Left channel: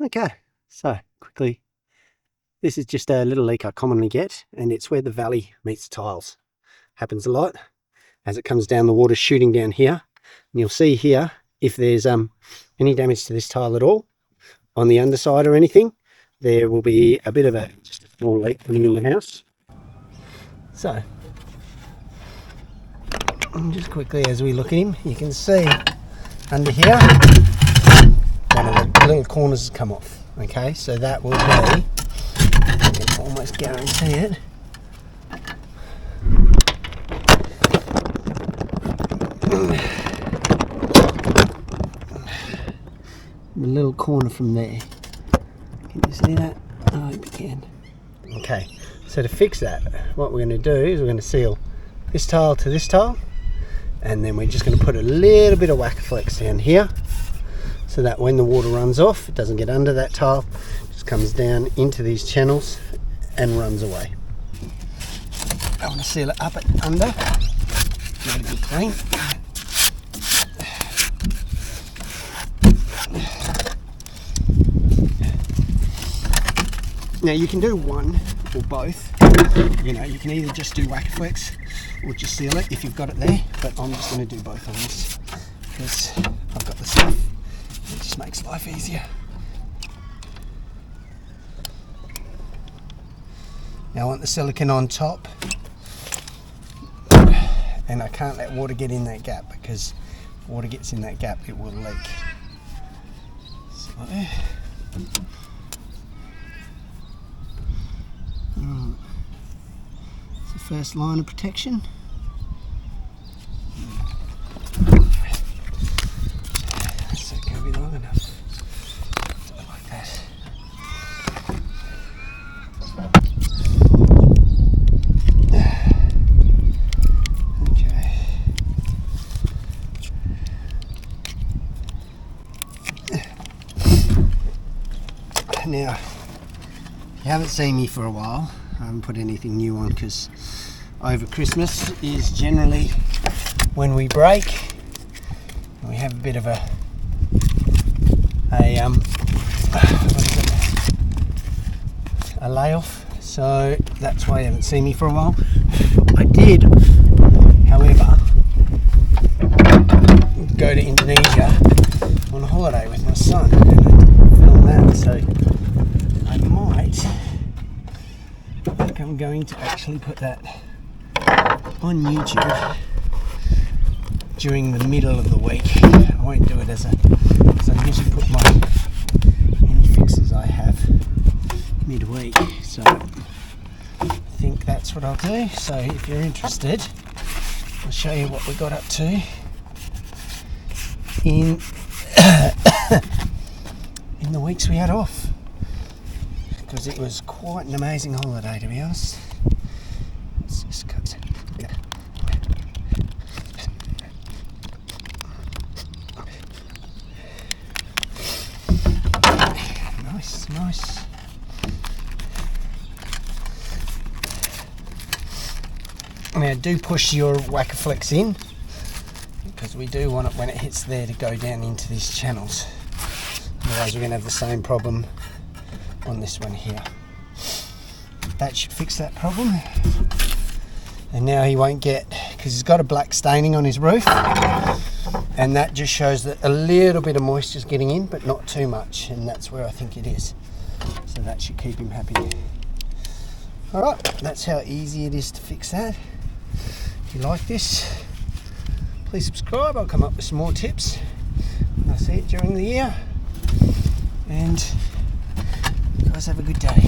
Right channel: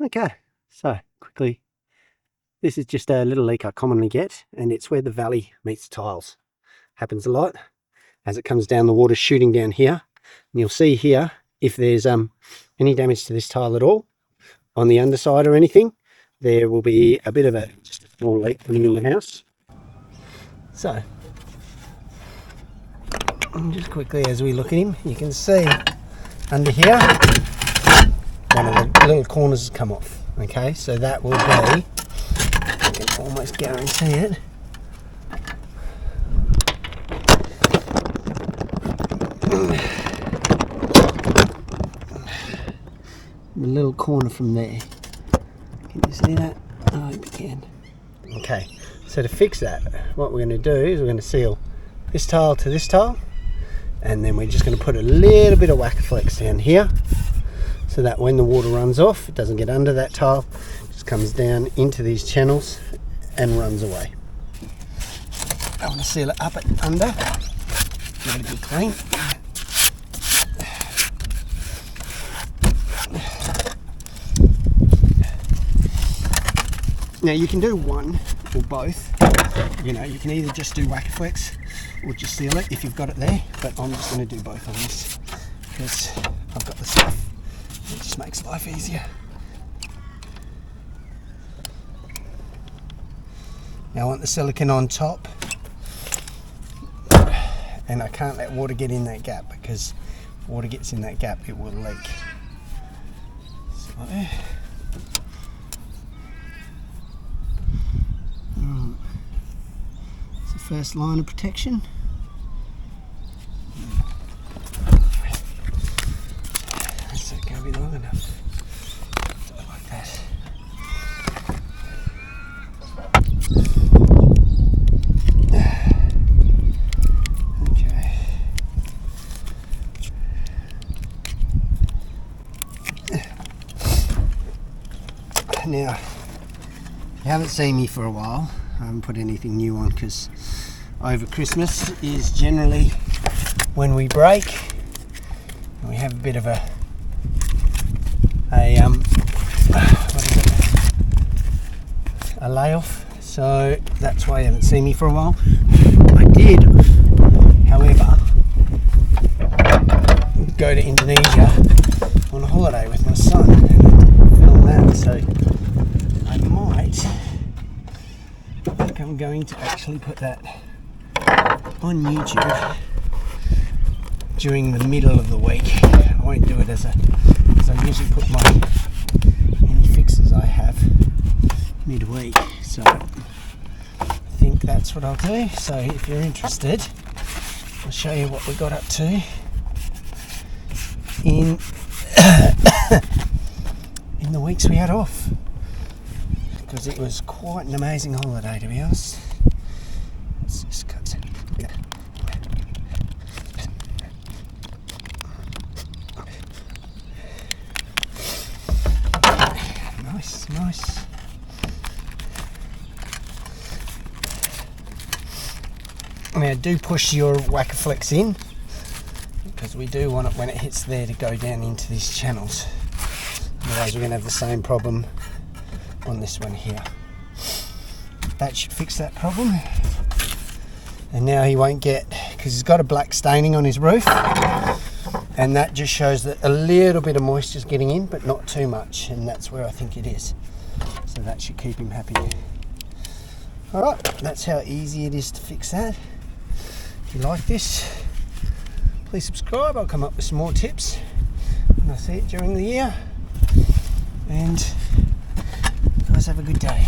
Okay, so quickly, this is just a little leak I commonly get, and it's where the valley meets the tiles. Happens a lot as it comes down, the water shooting down here, and you'll see here if there's any damage to this tile at all on the underside or anything, there will be a bit of just a small leak coming in the house. So just quickly as we look at him, you can see under here one of the little corners has come off. Okay, so that will be, I can almost guarantee it, the little corner from there. Can you see that? I hope you can. Okay, so to fix that, what we're going to do is we're going to seal this tile to this tile, and then we're just going to put a little bit of Whack-A-Flex down here, so that when the water runs off, it doesn't get under that tile, it just comes down into these channels and runs away. I want to seal it up and under, let it be clean. Now you can do one or both, you know, you can either just do Whack-A-Flex or just seal it if you've got it there, but I'm just going to do both on this because I've got the stuff. It just makes life easier. Now I want the silicone on top, and I can't let water get in that gap, because if water gets in that gap it will leak. So, it's the first line of protection. That's not going to be long enough. Like that. Okay. Now, you haven't seen me for a while. I haven't put anything new on because over Christmas is generally when we break. We have a bit of a layoff, so that's why you haven't seen me for a while. I did, however, go to Indonesia on a holiday with my son and film that, so I might, I'm going to actually put that on YouTube during the middle of the week. I won't do it as I usually put any fixes I have midweek, so I think that's what I'll do. So if you're interested, I'll show you what we got up to in in the weeks we had off, because it was quite an amazing holiday, to be honest. Let's just cut it. Nice. Now do push your Whack-A-Flex in, because we do want it when it hits there to go down into these channels. Otherwise we're going to have the same problem on this one here. That should fix that problem. And now he won't get, because he's got a black staining on his roof, and that just shows that a little bit of moisture is getting in, but not too much, and that's where I think it is. So that should keep him happy. Alright, that's how easy it is to fix that. If you like this, please subscribe. I'll come up with some more tips when I see it during the year. And you guys have a good day.